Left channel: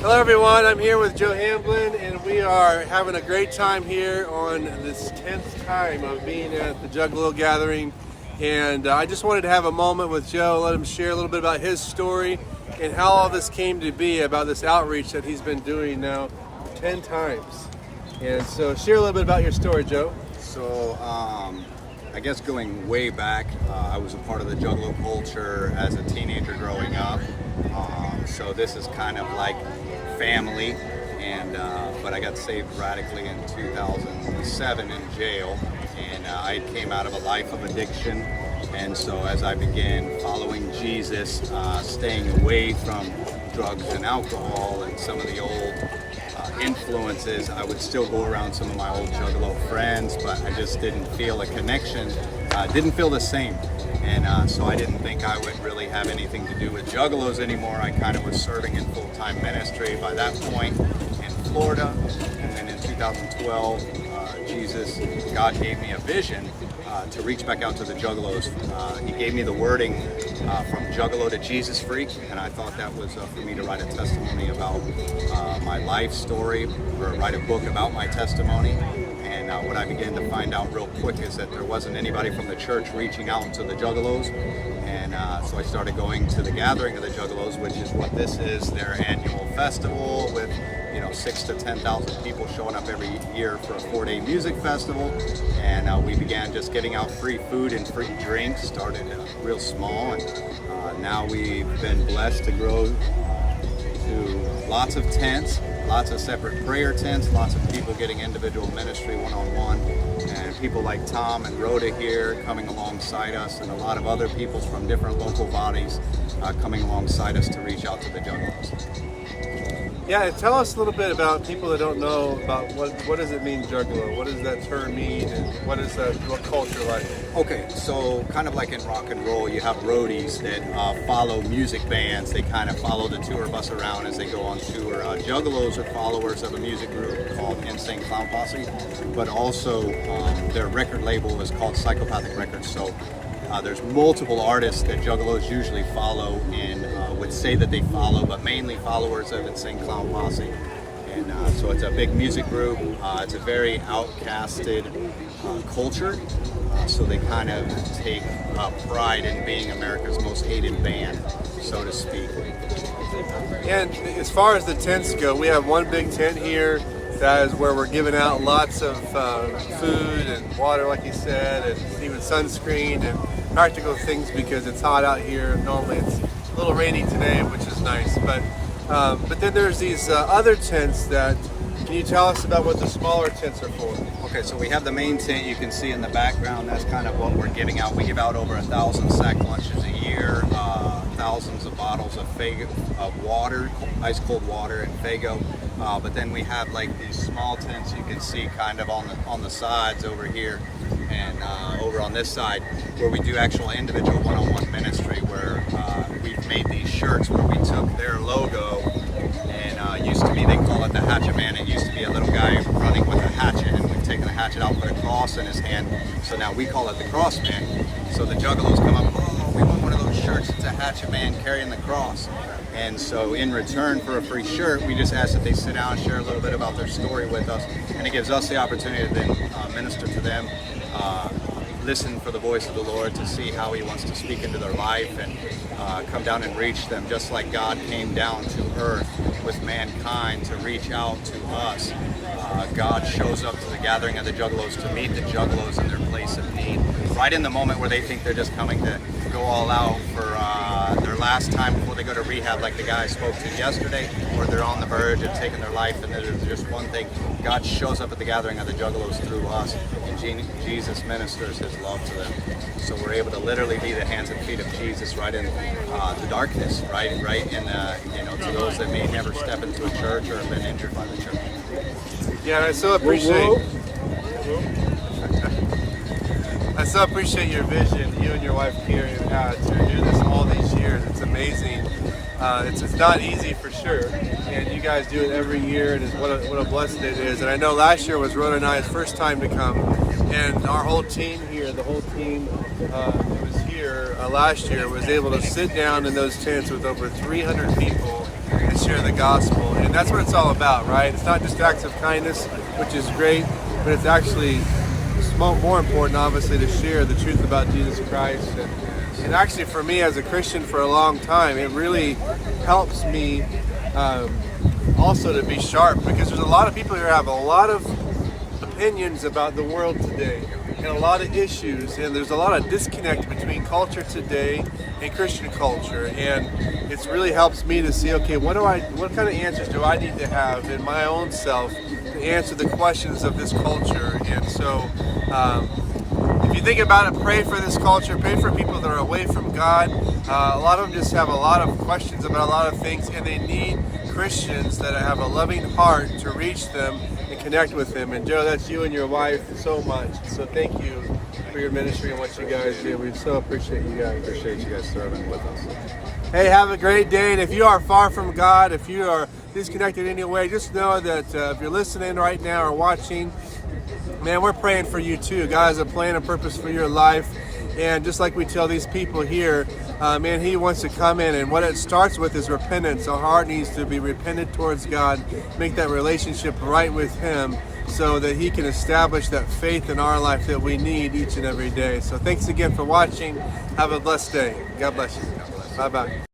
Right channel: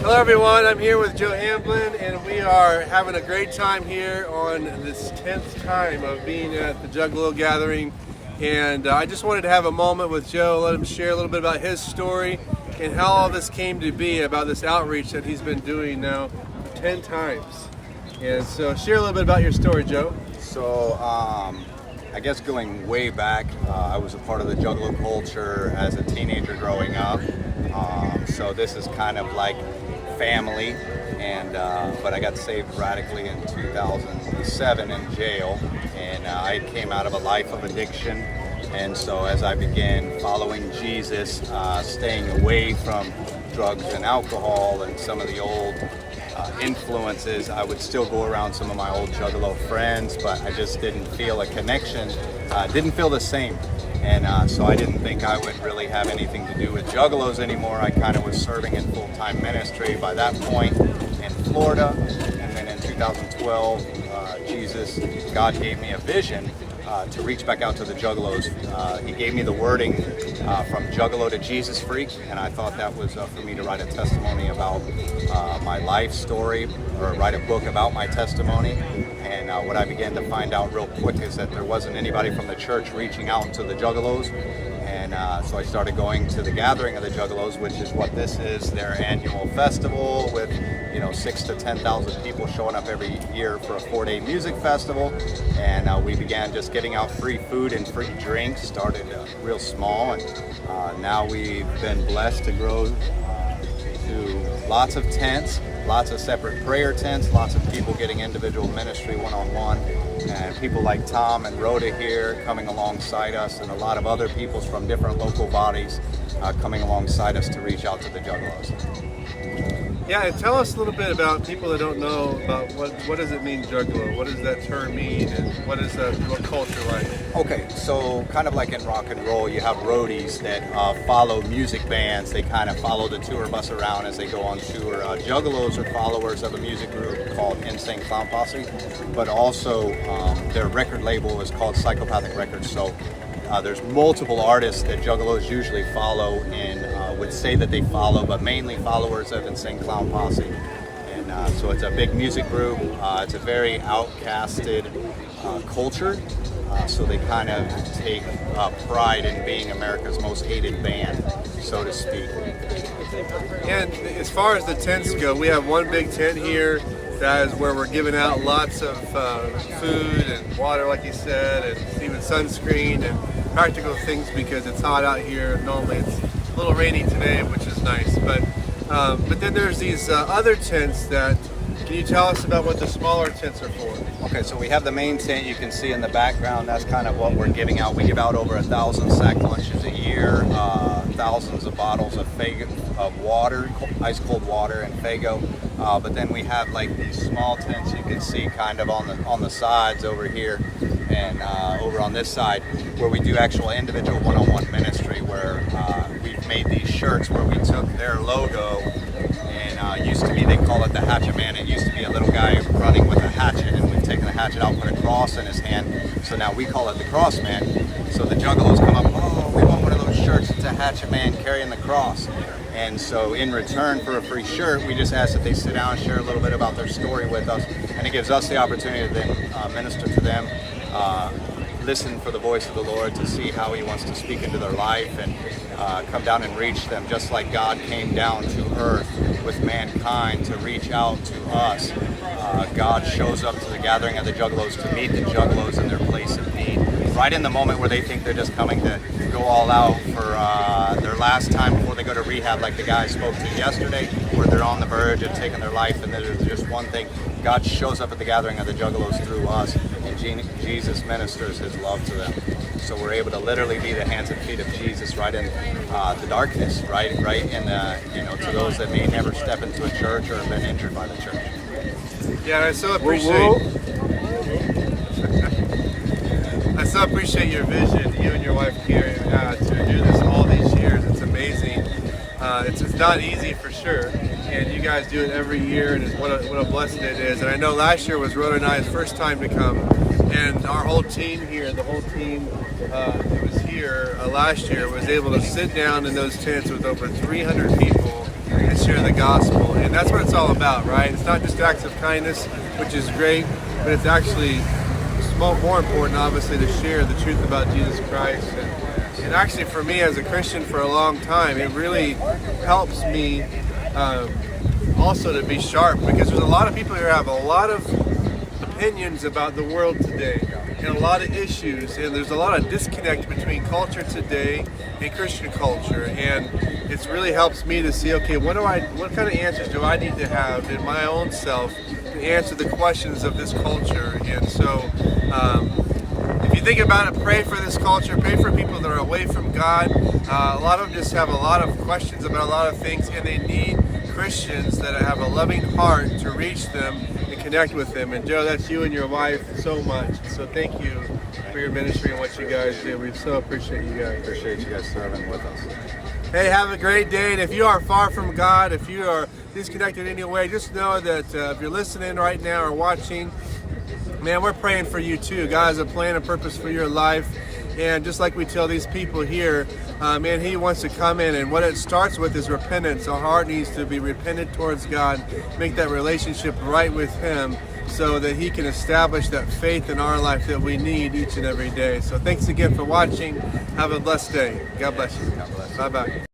Hello everyone, I'm here with Joe Hamblen and we are having a great time here on this 10th time of being at the Juggalo Gathering, and I just wanted to have a moment with Joe, let him share a little bit about his story and how all this came to be about this outreach that he's been doing now 10 times. And so share a little bit about your story, Joe. So I guess going way back, I was a part of the Juggalo culture as a teenager growing up. So this is kind of like family, and but I got saved radically in 2007 in jail, and I came out of a life of addiction. And so as I began following Jesus, staying away from drugs and alcohol and some of the old influences, I would still go around some of my old Juggalo friends, but I just didn't feel a connection, didn't feel the same. And so I didn't think I would really have anything to do with Juggalos anymore. I kind of was serving in full-time ministry by that point in Florida. And then in 2012, God gave me a vision to reach back out to the Juggalos. He gave me the wording from Juggalo to Jesus Freak, and I thought that was for me to write a testimony about my life story, or write a book about my testimony. And what I began to find out real quick is that there wasn't anybody from the church reaching out to the Juggalos. And so I started going to the gathering of the Juggalos, which is what this is, their annual festival with 6,000 to 10,000 people showing up every year for a 4-day music festival. And we began just getting out free food and free drinks, started real small, and now we've been blessed to grow to lots of tents, lots of separate prayer tents, lots of people getting individual ministry one-on-one, and people like Tom and Rhoda here coming alongside us, and a lot of other people from different local bodies coming alongside us to reach out to the Juggalos. Yeah, and tell us a little bit about people that don't know about what does it mean, Juggalo? What does that term mean, and what culture like? Okay, so kind of like in rock and roll, you have roadies that follow music bands. They kind of follow the tour bus around as they go on tour. Juggalos are followers of a music group called Insane Clown Posse, but also their record label is called Psychopathic Records. So there's multiple artists that Juggalos usually follow and would say that they follow, but mainly followers of Insane Clown Posse. And so it's a big music group. It's a very outcasted culture. So they kind of take pride in being America's most hated band, so to speak. And as far as the tents go, we have one big tent here. That is where we're giving out lots of food and water, like you said, and even sunscreen and practical things because it's hot out here. Normally it's a little rainy today, which is nice. But then there's these other tents that, can you tell us about what the smaller tents are for? Okay, so we have the main tent you can see in the background. That's kind of what we're giving out. We give out over 1,000 sack lunches a year, thousands of bottles of water, ice cold water and Fago. But then we have like these small tents you can see kind of on the sides over here and over on this side, where we do actual individual one-on-one ministry, where we've made these shirts where we took their logo, and used to be, they call it the Hatchet Man. It used to be a little guy running with a hatchet, and we've taken the hatchet out, put a cross in his hand, so now we call it the Cross Man. So the Juggalos come up, oh, we want one of those shirts, it's a Hatchet Man carrying the cross. And so in return for a free shirt, we just ask that they sit down and share a little bit about their story with us, and it gives us the opportunity to then minister to them, listen for the voice of the Lord, to see how He wants to speak into their life, and come down and reach them just like God came down to earth with mankind to reach out to us. God shows up to the gathering of the Juggalos to meet the Juggalos in their place of need, right in the moment where they think they're just coming to go all out for their last time before they go to rehab, like the guy I spoke to yesterday, where they're on the verge of taking their life, and there's just one thing. God shows up at the gathering of the Juggalos through us. Jesus ministers His love to them. So we're able to literally be the hands and feet of Jesus right in the darkness, right in to those that may never step into a church or have been injured by the church. Yeah, and I so appreciate I so appreciate your vision, you and your wife Karen, to do this all these years. It's amazing. It's not easy for sure, and you guys do it every year, and what a blessing it is. And I know last year was Rhoda and I's first time to come, and our whole team here, the whole team that was here last year, was able to sit down in those tents with over 300 people and share the gospel. And that's what it's all about, right? It's not just acts of kindness, which is great, but it's actually more important, obviously, to share the truth about Jesus Christ. And actually, for me as a Christian for a long time, it really helps me also to be sharp, because there's a lot of people here who have a lot of opinions about the world today and a lot of issues, and there's a lot of disconnect between culture today and Christian culture, and it really helps me to see, okay, what kind of answers do I need to have in my own self to answer the questions of this culture. And so if you think about it, pray for this culture, pray for people that are away from God. A lot of them just have a lot of questions about a lot of things, and they need Christians that have a loving heart to reach them and connect with them. And Joe, that's you and your wife so much. So thank you for your ministry and what you guys do. We so appreciate you guys. Appreciate you guys serving with us. Hey, have a great day. And if you are far from God, if you are disconnected in any way, just know that if you're listening right now or watching, man, we're praying for you too. God has a plan and purpose for your life. And just like we tell these people here, man, He wants to come in, and what it starts with is repentance. Our heart needs to be repentant towards God, make that relationship right with Him, so that He can establish that faith in our life that we need each and every day. So thanks again for watching. Have a blessed day. God bless you. God bless you. Bye-bye.